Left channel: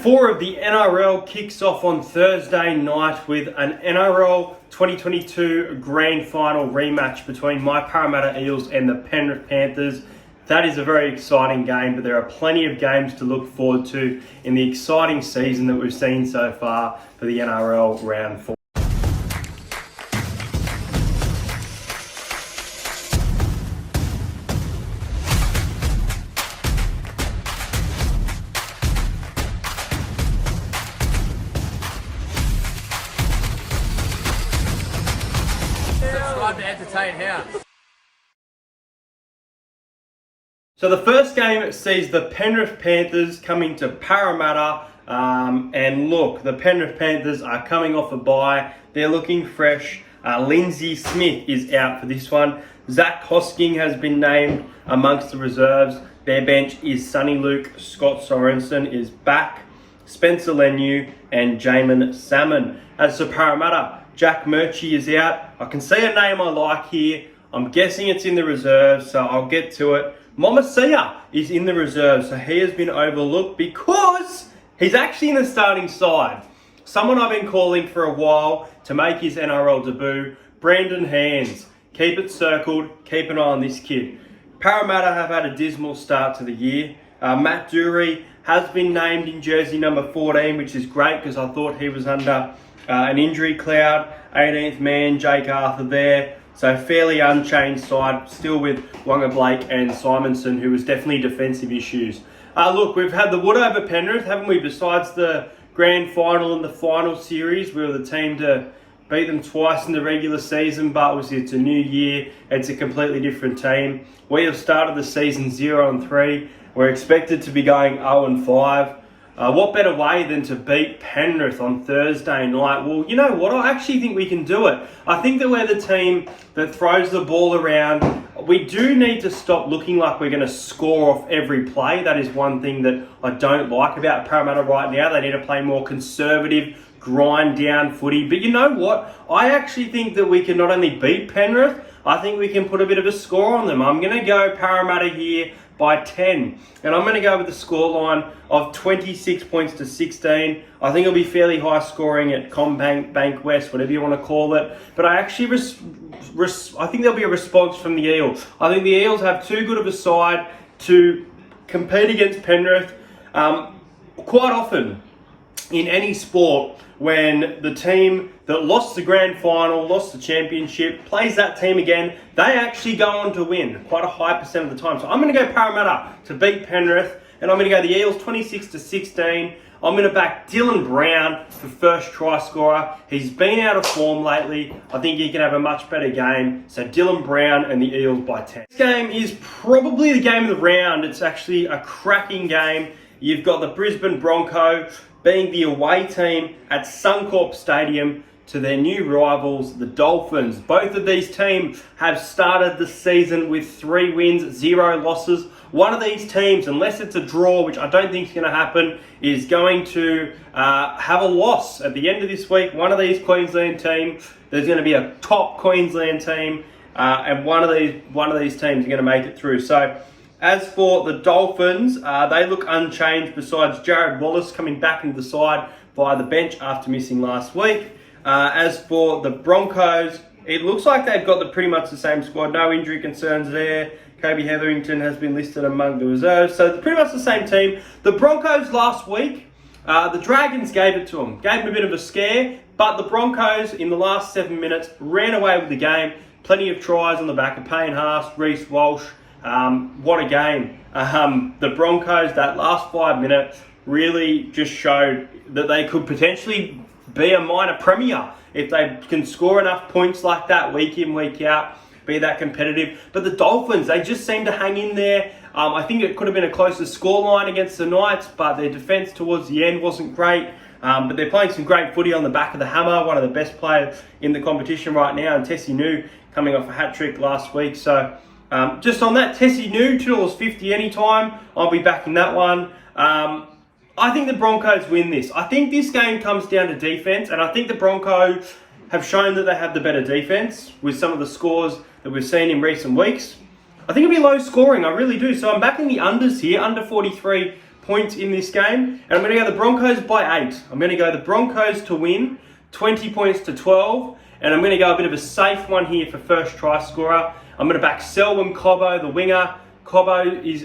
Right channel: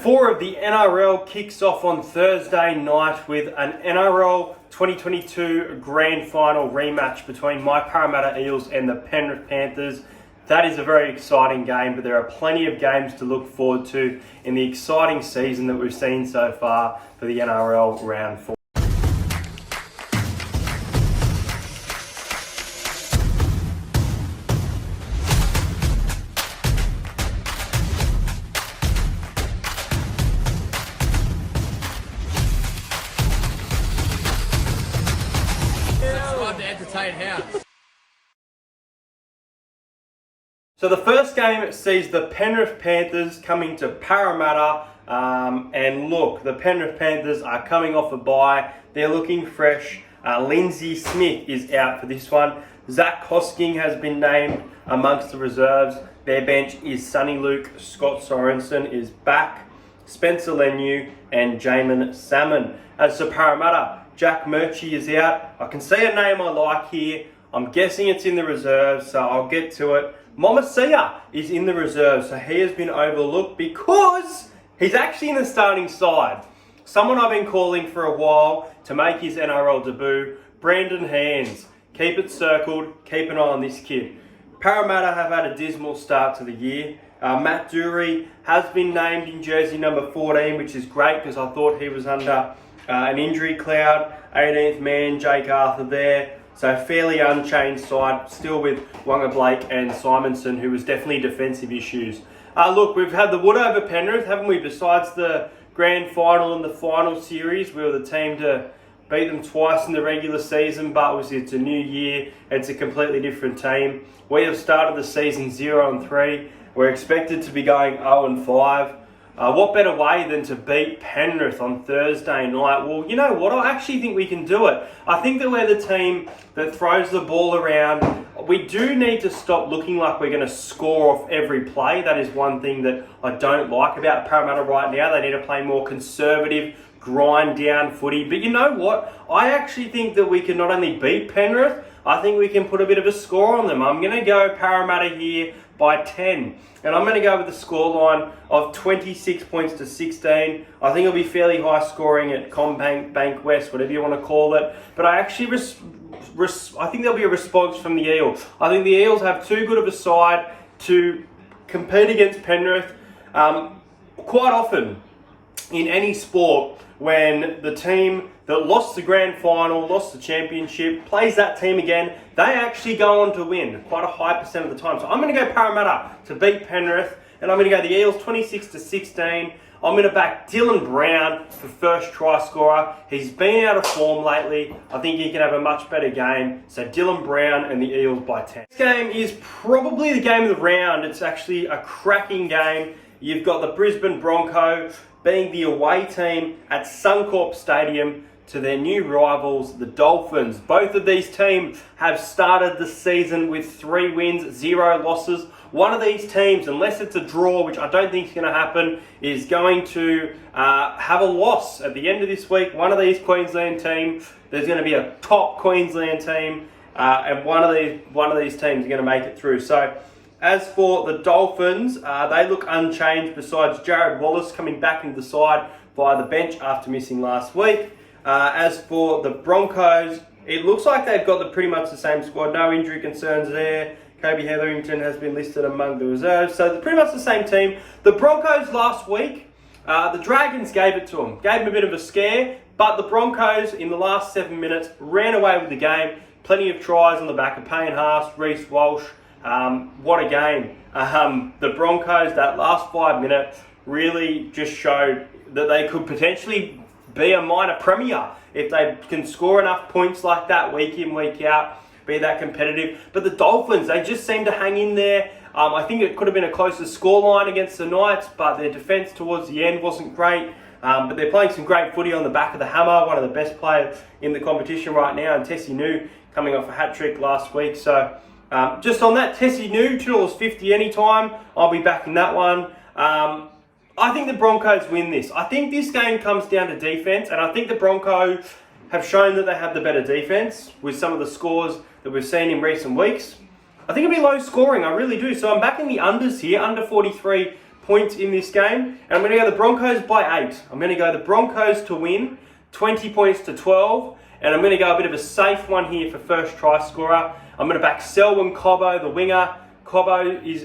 Round 4 of the NRL kicks off on Thursday night with an NRL 2022 Grand Final rematch between my Parramatta Eels and the Penrith Panthers. That is a very exciting game, but there are plenty of games to look forward to in the exciting season that we've seen so far for the NRL Round 4. So the first game sees the Penrith Panthers coming to Parramatta. And look, the Penrith Panthers are coming off a bye. They're looking fresh. Lindsay Smith is out for this one. Zach Hosking has been named amongst the reserves. Their bench is Sonny Luke, Scott Sorensen is back, Spencer Leniu and Jamin Salmon. As for Parramatta, Jack Murchie is out. I can see a name I like here. I'm guessing it's in the reserves, so I'll get to it. Momasia is in the reserves, so he has been overlooked because he's actually in the starting side. Someone I've been calling for a while to make his NRL debut, Brandon Hands. Keep it circled, keep an eye on this kid. Parramatta have had a dismal start to the year. Matt Dury has been named in jersey number 14, which is great because I thought he was under an injury cloud. 18th man, Jake Arthur there. So fairly unchanged side, still with Wonga Blake and Simonson, who was definitely defensive issues. Look, we've had the wood over Penrith, haven't we? Besides the grand final and the final series, we were the team to beat them twice in the regular season, but it's a new year, it's a completely different team. We have started the season 0-3. We're expected to be going 0-5. What better way than to beat Penrith on Thursday night? Well, you know what? I actually think we can do it. I think that we're the team that throws the ball around. We do need to stop looking like we're going to score off every play. That is one thing that I don't like about Parramatta right now. They need to play more conservative, grind down footy. But you know what? I actually think that we can not only beat Penrith, I think we can put a bit of a score on them. I'm going to go Parramatta here by 10. And I'm going to go with the scoreline of 26 points to 16. I think it'll be fairly high scoring at CommBank, Bank West, whatever you want to call it. But I actually I think there'll be a response from the Eels. I think the Eels have too good of a side to compete against Penrith. Quite often in any sport, when the team that lost the grand final, lost the championship, plays that team again, they actually go on to win quite a high percent of the time. So I'm going to go Parramatta to beat Penrith, and I'm going to go the Eels 26 to 16. I'm going to back Dylan Brown for first try scorer. He's been out of form lately. I think he can have a much better game. So Dylan Brown and the Eels by 10. This game is probably the game of the round. It's actually a cracking game. You've got the Brisbane Broncos being the away team at Suncorp Stadium to their new rivals, the Dolphins. Both of these teams have started the season with 3 wins, 0 losses. One of these teams, unless it's a draw, which I don't think is going to happen, is going to have a loss at the end of this week. One of these Queensland teams, there's going to be a top Queensland team, and one of these teams are going to make it through. So, as for the Dolphins, they look unchanged besides Jared Wallace coming back into the side via the bench after missing last week. As for the Broncos, it looks like they've got pretty much the same squad. No injury concerns there. Kobe Hetherington has been listed among the reserves. So pretty much the same team. The Broncos last week, the Dragons gave it to them. Gave them a bit of a scare. But the Broncos, in the last 7 minutes, ran away with the game. Plenty of tries on the back of Payne Haas, Reece Walsh. What a game. The Broncos, that last 5 minutes, really just showed that they could potentially be a minor premier if they can score enough points like that week in, week out, be that competitive. But the Dolphins, they just seem to hang in there. I think it could have been a closer scoreline against the Knights, but their defence towards the end wasn't great. But they're playing some great footy on the back of the hammer, one of the best players in the competition right now, and Tessie New coming off a hat-trick last week. So just on that, Tessie New, $2.50 anytime. I'll be backing that one. I think the Broncos win this. I think this game comes down to defense, and I think the Broncos have shown that they have the better defense with some of the scores that we've seen in recent weeks. I think it'll be low scoring, I really do. So I'm backing the unders here, under 43 points in this game. And I'm going to go the Broncos by 8. I'm going to go the Broncos to win, 20 points to 12. And I'm going to go a bit of a safe one here for first try scorer. I'm going to back Selwyn Cobbo, the winger. Cobbo is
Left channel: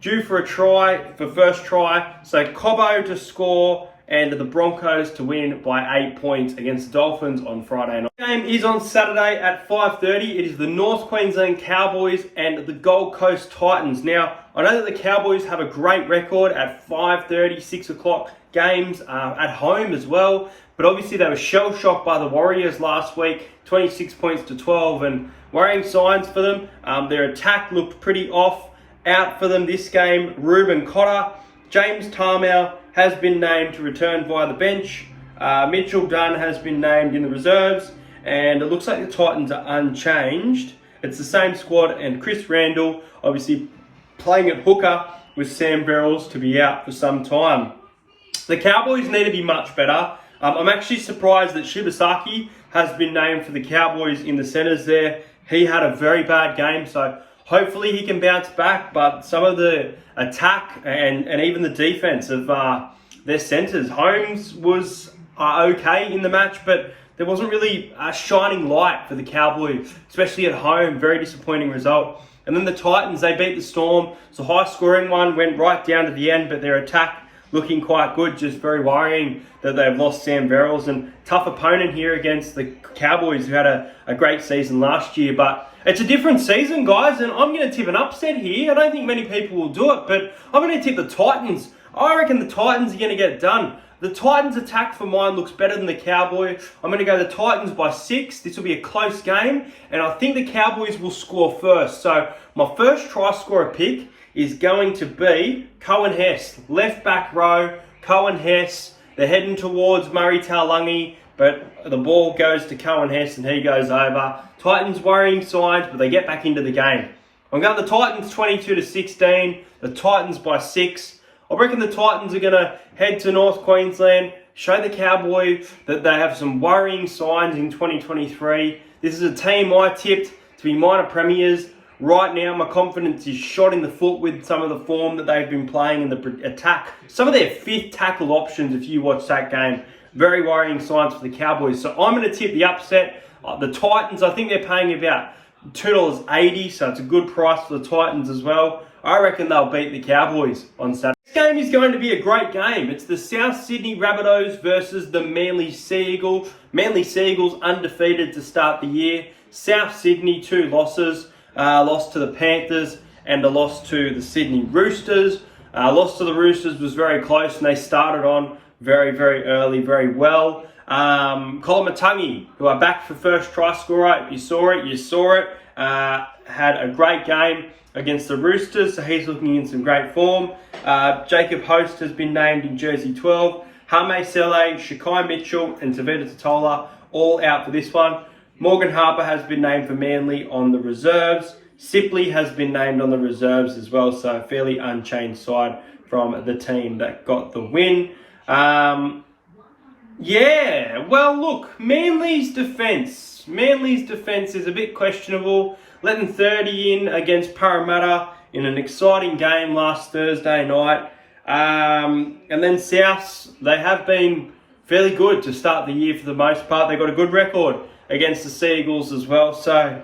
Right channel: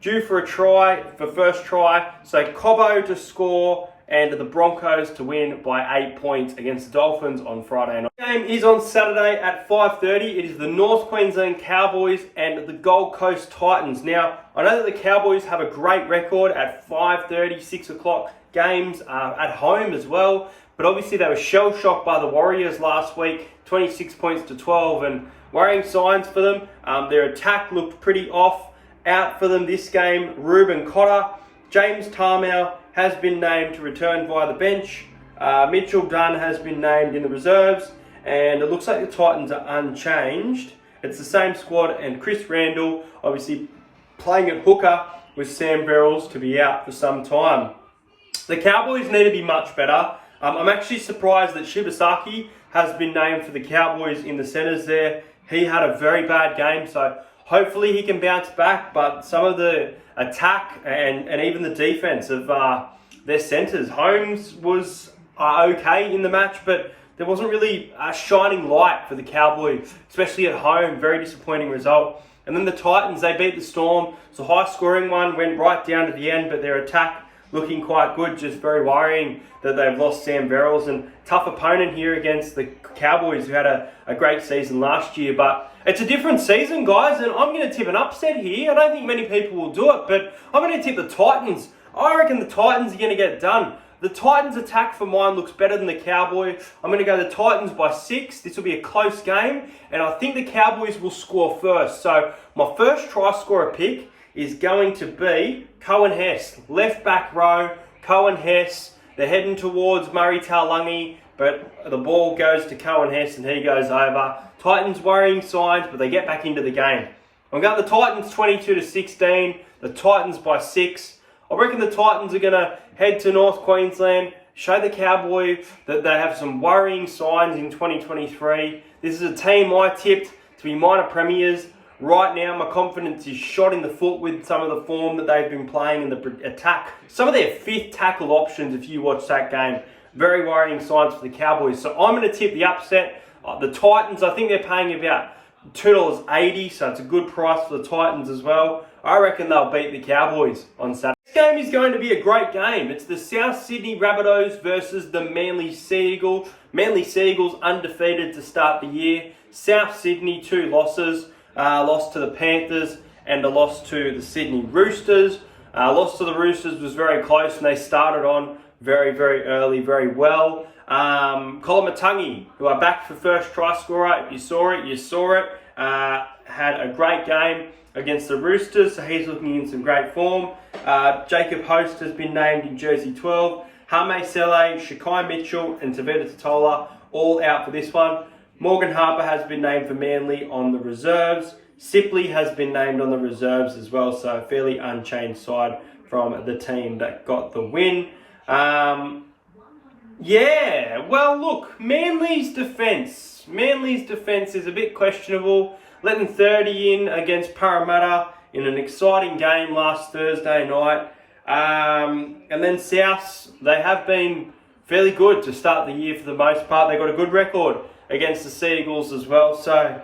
due for a try for first try. So Cobbo to score and the Broncos to win by 8 points against the Dolphins on Friday night. The game is on Saturday at 5:30. It is the North Queensland Cowboys and the Gold Coast Titans. Now, I know that the Cowboys have a great record at 5:30, 6 o'clock games at home as well. But obviously they were shell-shocked by the Warriors last week, 26 points to 12, and worrying signs for them. Their attack looked pretty off. Out for them this game, Reuben Cotter. James Tarmow has been named to return via the bench. Mitchell Dunn has been named in the reserves. And it looks like the Titans are unchanged. It's the same squad, and Chris Randall obviously playing at hooker with Sam Verrills to be out for some time. The Cowboys need to be much better. I'm actually surprised that Shibasaki has been named for the Cowboys in the centres there. He had a very bad game, so hopefully he can bounce back. But some of the attack and even the defense of their centres, Holmes was okay in the match, but there wasn't really a shining light for the Cowboys, especially at home. Very disappointing result. And then the Titans, they beat the Storm. It's a high-scoring one, went right down to the end, but their attack looking quite good. Just very worrying that they've lost Sam Verrills, and tough opponent here against the Cowboys, who had a great season last year. But it's a different season, guys, and I'm going to tip an upset here. I don't think many people will do it, but I'm going to tip the Titans. I reckon the Titans are going to get it done. The Titans' attack for mine looks better than the Cowboys. I'm going to go the Titans by 6. This will be a close game, and I think the Cowboys will score first. So my first try scorer pick is going to be Cohen Hess, left back row. Cohen Hess, they're heading towards Murray Taulagi, but the ball goes to Cohen Hess and he goes over. Titans worrying signs, but they get back into the game. I'm going the Titans 22 to 16. The Titans by 6. I reckon the Titans are going to head to North Queensland, show the Cowboys that they have some worrying signs in 2023. This is a team I tipped to be minor premiers. Right now, my confidence is shot in the foot with some of the form that they've been playing in the attack. Some of their fifth tackle options, if you watch that game, very worrying signs for the Cowboys. So I'm going to tip the upset. The Titans, I think they're paying about $2.80, so it's a good price for the Titans as well. I reckon they'll beat the Cowboys on Saturday. This game is going to be a great game. It's the South Sydney Rabbitohs versus the Manly Sea Eagles. Manly Sea Eagles undefeated to start the year. South Sydney, 2 losses. Lost to the Panthers and a loss to the Sydney Roosters. Loss to the Roosters was very close, and they started on very, very early, very well. Kolomatangi, who are back for first try scorer. If you saw it, you saw it. Had a great game against the Roosters, so he's looking in some great form. Jacob Host has been named in jersey 12. Hame Sele, Shakai Mitchell, and Tavita Totola all out for this one. Morgan Harper has been named for Manly on the reserves. Sipley has been named on the reserves as well, so a fairly unchanged side from the team that got the win. Yeah, well, look, Manly's defence is a bit questionable. Letting 30 in against Parramatta in an exciting game last Thursday night. And then Souths, they have been fairly good to start the year for the most part. They got a good record against the Sea Eagles as well. So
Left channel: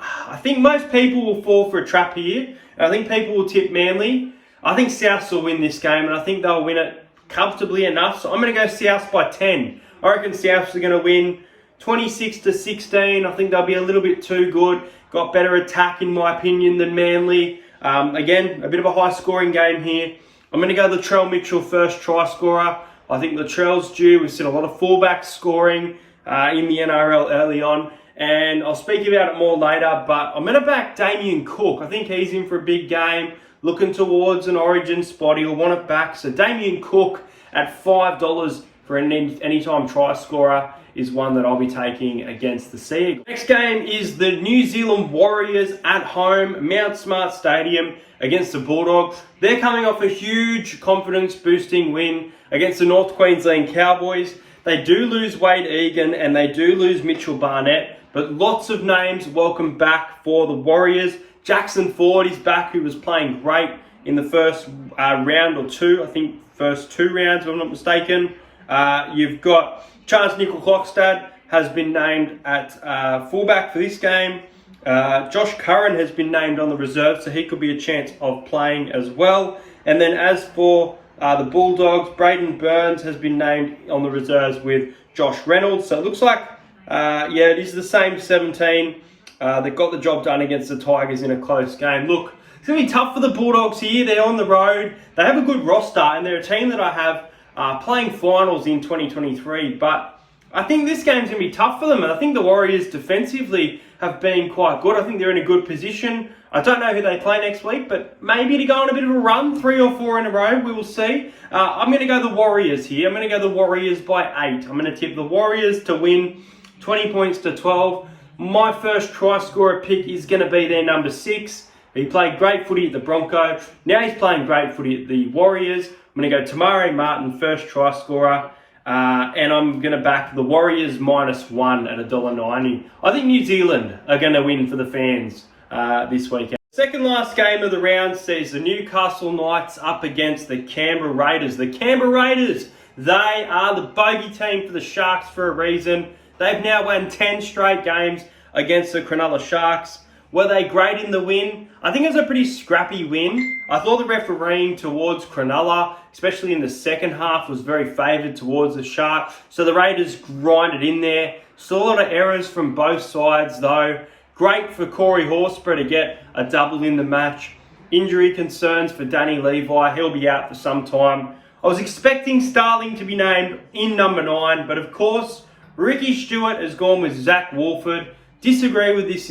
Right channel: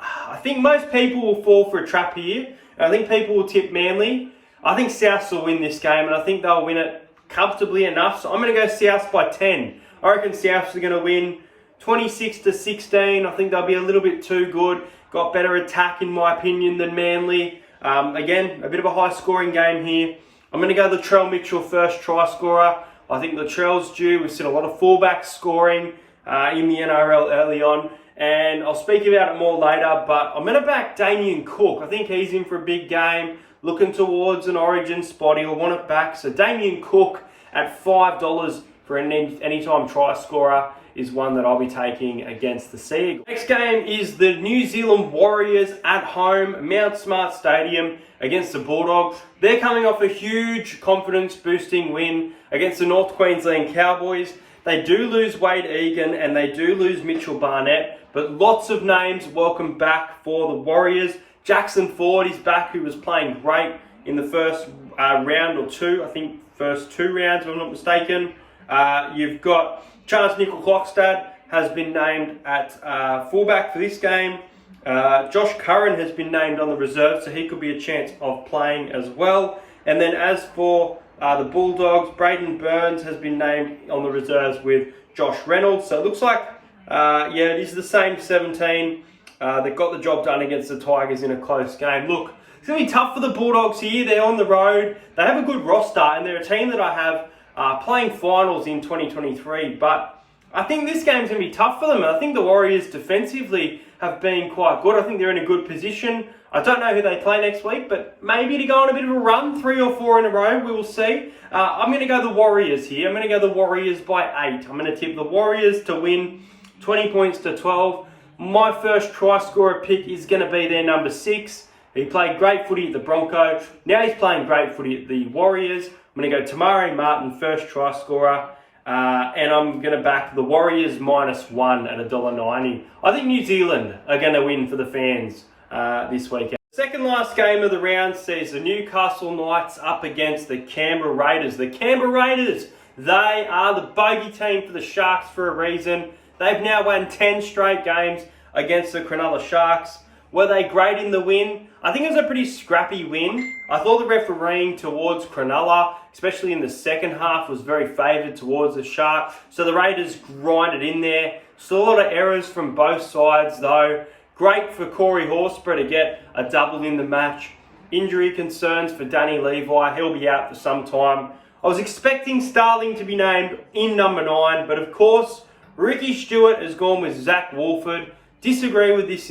I think most people will fall for a trap here. I think people will tip Manly. I think Souths will win this game, and I think they'll win it comfortably enough. So I'm going to go Souths by 10. I reckon Souths are going to win 26 to 16. I think they'll be a little bit too good. Got better attack, in my opinion, than Manly. Again, a bit of a high-scoring game here. I'm going to go Latrell Mitchell, first try scorer. I think Latrell's due. We've seen a lot of fullbacks scoring in the NRL early on, and I'll speak about it more later, but I'm going to back Damien Cook. I think he's in for a big game, looking towards an origin spot. He'll want it back. So Damien Cook at $5 for an anytime try scorer is one that I'll be taking against the Sea Eagles. Next game is the New Zealand Warriors at home, Mount Smart Stadium against the Bulldogs. They're coming off a huge confidence-boosting win against the North Queensland Cowboys. They do lose Wade Egan and they do lose Mitchell Barnett, but lots of names welcome back for the Warriors. Jackson Ford is back, who was playing great in the first round or two. I think first 2 rounds, if I'm not mistaken. You've got Chance Nickel-Klokstad has been named at fullback for this game. Josh Curran has been named on the reserve, so he could be a chance of playing as well. And then as for the Bulldogs, Braden Burns has been named on the reserves with Josh Reynolds. So it looks like, it is the same 17. They got the job done against the Tigers in a close game. Look, it's going to be tough for the Bulldogs here. They're on the road. They have a good roster, and they're a team that I have playing finals in 2023. But I think this game's going to be tough for them. I think the Warriors defensively have been quite good. I think they're in a good position. I don't know who they play next week, but maybe to go on a bit of a run, 3 or 4 in a row, we will see. I'm going to go the Warriors here. I'm going to go the Warriors by 8. I'm going to tip the Warriors to win 20 points to 12. My first try scorer pick is going to be their number 6. He played great footy at the Broncos. Now he's playing great footy at the Warriors. I'm going to go Tamari Martin, first try scorer. And I'm going to back the Warriors -1 at $1.90. I think New Zealand are going to win for the fans this weekend. Second last game of the round sees the Newcastle Knights up against the Canberra Raiders. The Canberra Raiders, they are the bogey team for the Sharks for a reason. They've now won 10 straight games against the Cronulla Sharks. Were they great in the win? I think it was a pretty scrappy win. I thought the refereeing towards Cronulla, especially in the second half, was very favoured towards the Sharks. So the Raiders grinded in there. Saw a lot of errors from both sides though. Great for Corey Horsburgh to get a double in the match. Injury concerns for Danny Levi. He'll be out for some time. I was expecting Starling to be named in number 9, but of course, Ricky Stewart has gone with Zach Wolford. Disagree with this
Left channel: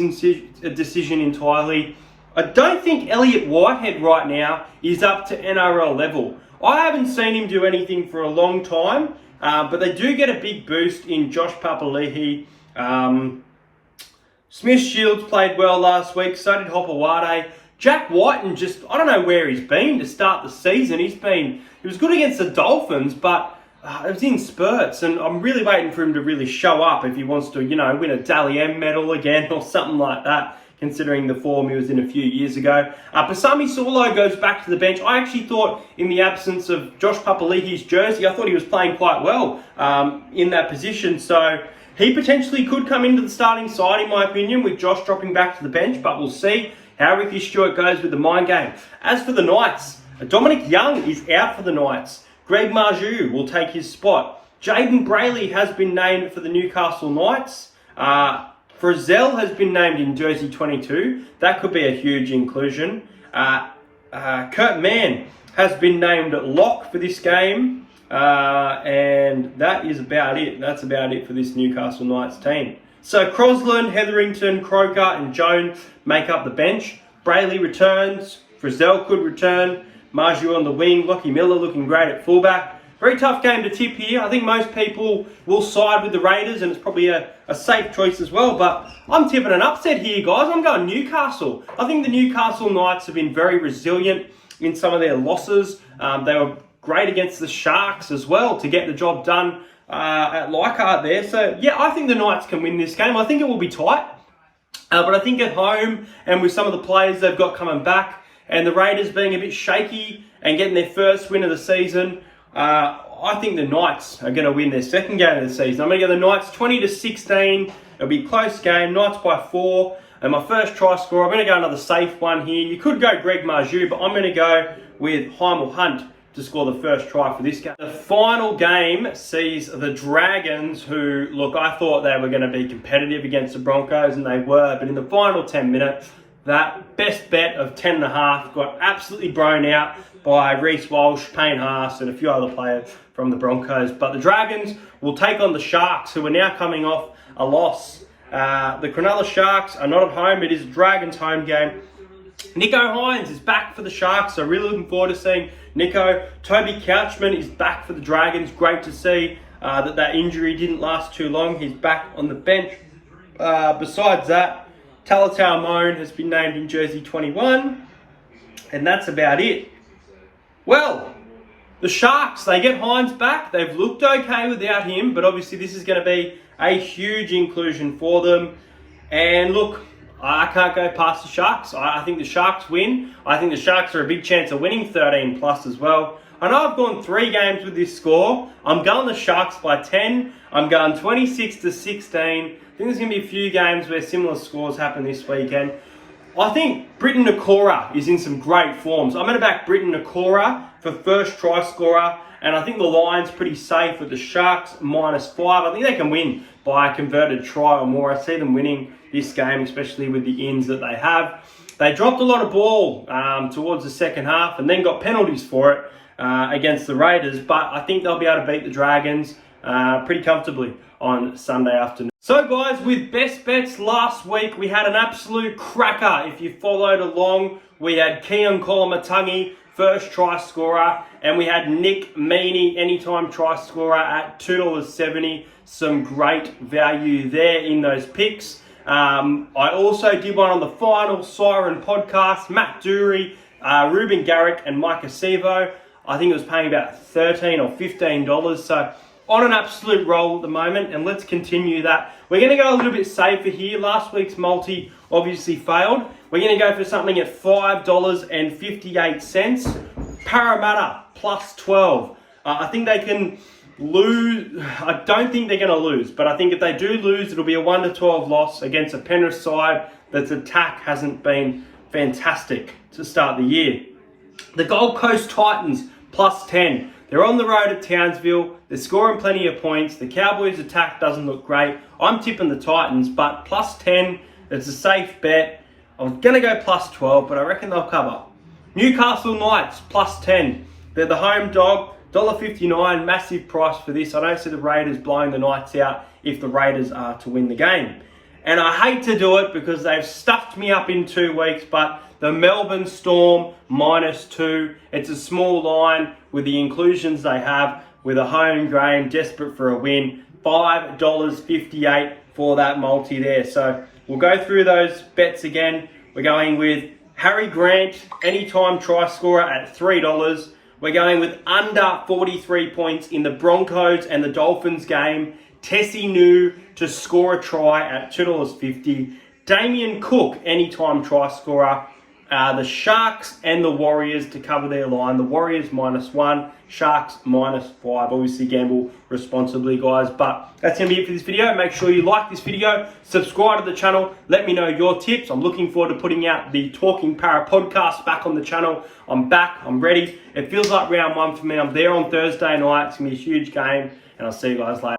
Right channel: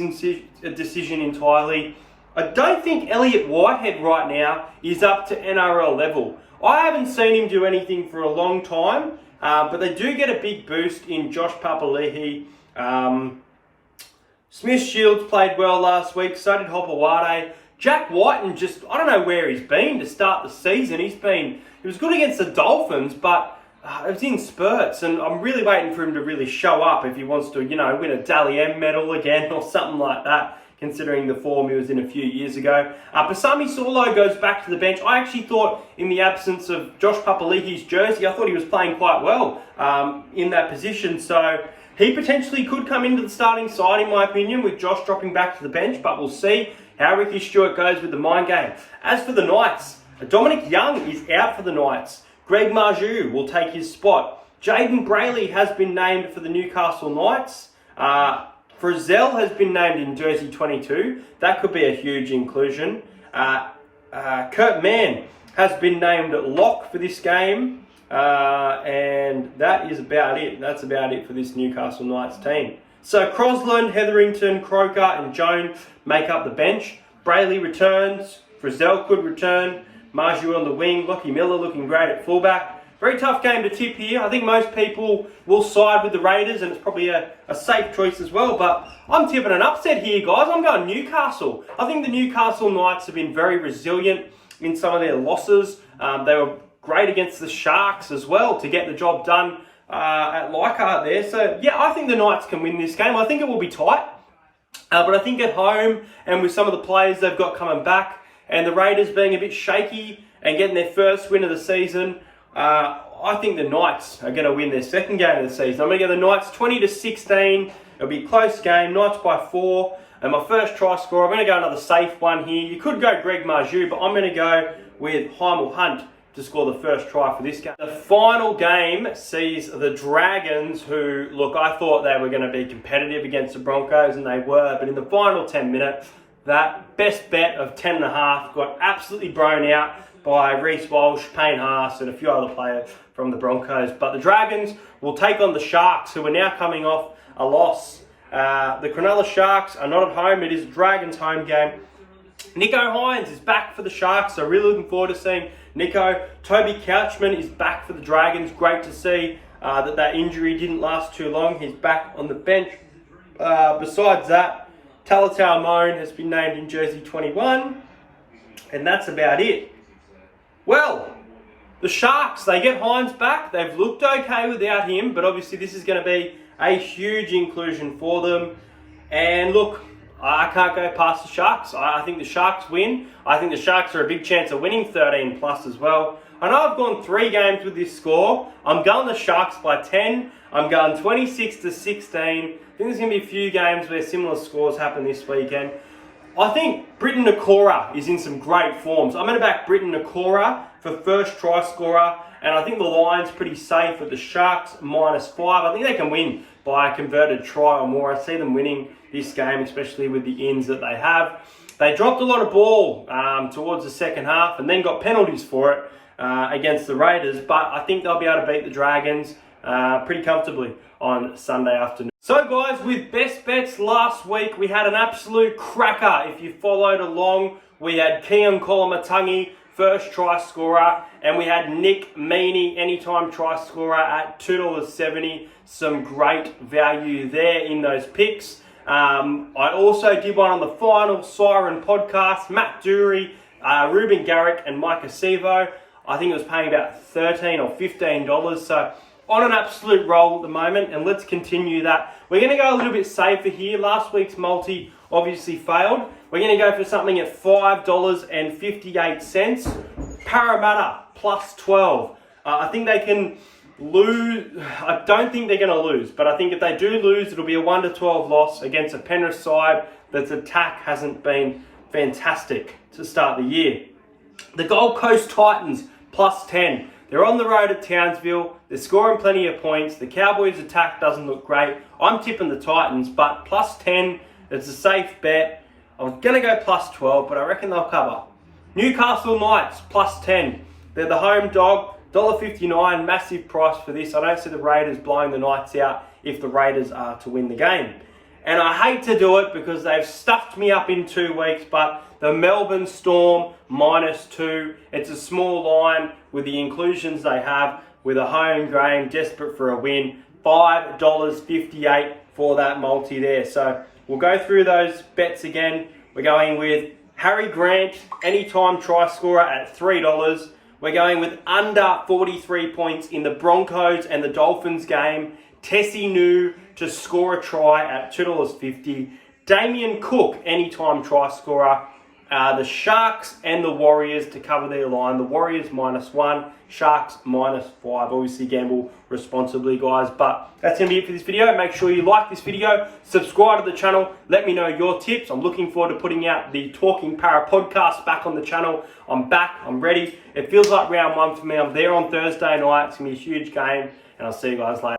decision entirely. I don't think Elliott Whitehead right now is up to NRL level. I haven't seen him do anything for a long time, but they do get a big boost in Josh Papali'i. Smith Shields played well last week, so did Hopewade. Jack Whiten I don't know where he's been to start the season. He was good against the Dolphins, but it was in spurts, and I'm really waiting for him to really show up if he wants to, win a Dally M medal again or something like that, considering the form he was in a few years ago. Pasami Saulo goes back to the bench. I actually thought in the absence of Josh Papali'i's jersey, I thought he was playing quite well in that position. So he potentially could come into the starting side, in my opinion, with Josh dropping back to the bench, but we'll see how Ricky Stewart goes with the mind game. As for the Knights, Dominic Young is out for the Knights. Greg Marju will take his spot. Jaden Brayley has been named for the Newcastle Knights. Frizzell has been named in jersey 22. That could be a huge inclusion. Kurt Mann has been named lock for this game. And that is about it. That's about it for this Newcastle Knights team. So Crosland, Hetherington, Croker and Jones make up the bench. Brayley returns. Frizzell could return. Marju on the wing. Lockie Miller looking great at fullback. Very tough game to tip here. I think most people will side with the Raiders, and it's probably a safe choice as well. But I'm tipping an upset here, guys. I'm going Newcastle. I think the Newcastle Knights have been very resilient in some of their losses. They were great against the Sharks as well to get the job done at Leichhardt there. So, yeah, I think the Knights can win this game. I think it will be tight. But I think at home and with some of the players they've got coming back, and the Raiders being a bit shaky and getting their first win of the season, I think the Knights are going to win their second game of the season. I'm going to go the Knights 20-16. It'll be a close game. Knights by 4. And my first try scorer, I'm going to go another safe one here. You could go Greg Marju, but I'm going to go with Heimel Hunt to score the first try for this game. The final game sees the Dragons, who, look, I thought they were going to be competitive against the Broncos, and they were. But in the final 10 minutes, that best bet of 10.5 got absolutely blown out by Reece Walsh, Payne Haas, and a few other players from the Broncos. But the Dragons will take on the Sharks, who are now coming off a loss. The Cronulla Sharks are not at home. It is Dragons' home game. Nico Hines is back for the Sharks, so really looking forward to seeing Nico. Toby Couchman is back for the Dragons. Great to see that injury didn't last too long. He's back on the bench. Besides that, Talatau Moan has been named in jersey 21, and that's about it. Well, the Sharks, they get Hines back. They've looked okay without him, but obviously this is going to be a huge inclusion for them. And look, I can't go past the Sharks. I think the Sharks win. I think the Sharks are a big chance of winning 13 plus as well. I know I've gone 3 games with this score. I'm going the Sharks by 10. I'm going 26-16. I think there's going to be a few games where similar scores happen this weekend. I think Briton Nakora is in some great forms. I'm going to back Briton Nakora for first try scorer. And I think the line's pretty safe with the Sharks -5. I think they can win by a converted try or more. I see them winning this game, especially with the ins that they have. They dropped a lot of ball towards the second half and then got penalties for it against the Raiders. But I think they'll be able to beat the Dragons pretty comfortably on Sunday afternoon. So guys, with best bets last week, we had an absolute cracker. If you followed along, we had Keon Kolamatangi, first try scorer, and we had Nick Meaney, anytime try scorer at $2.70. Some great value there in those picks. I also did one on the Final Siren podcast. Matt Dury, Ruben Garrick, and Mike Acevo. I think it was paying about $13 or $15. So on an absolute roll at the moment, and let's continue that. We're going to go a little bit safer here. Last week's multi obviously failed. We're going to go for something at $5.58. Parramatta +12. I think they can lose. I don't think they're going to lose, but I think if they do lose, it'll be a 1-12 loss against a Penrith side that's attack hasn't been fantastic to start the year. The Gold Coast Titans +10. They're on the road at Townsville. They're scoring plenty of points. The Cowboys' attack doesn't look great. I'm tipping the Titans, but +10, it's a safe bet. I was going to go +12, but I reckon they'll cover. Newcastle Knights +10. They're the home dog. $1.59, massive price for this. I don't see the Raiders blowing the Knights out if the Raiders are to win the game. And I hate to do it because they've stuffed me up in 2 weeks, but the Melbourne Storm -2. It's a small line with the inclusions they have with a home game, desperate for a win. $5.58 for that multi there. So we'll go through those bets again. We're going with Harry Grant, anytime try scorer at $3. We're going with under 43 points in the Broncos and the Dolphins game. Tessie New to score a try at $2.50. Damien Cook, anytime try scorer. The Sharks and the Warriors to cover their line. The Warriors -1, Sharks -5. Obviously gamble responsibly, guys. But that's going to be it for this video. Make sure you like this video, subscribe to the channel, let me know your tips. I'm looking forward to putting out the Talking Para podcast back on the channel. I'm back, I'm ready. It feels like round 1 for me. I'm there on Thursday night. It's going to be a huge game, and I'll see you guys later.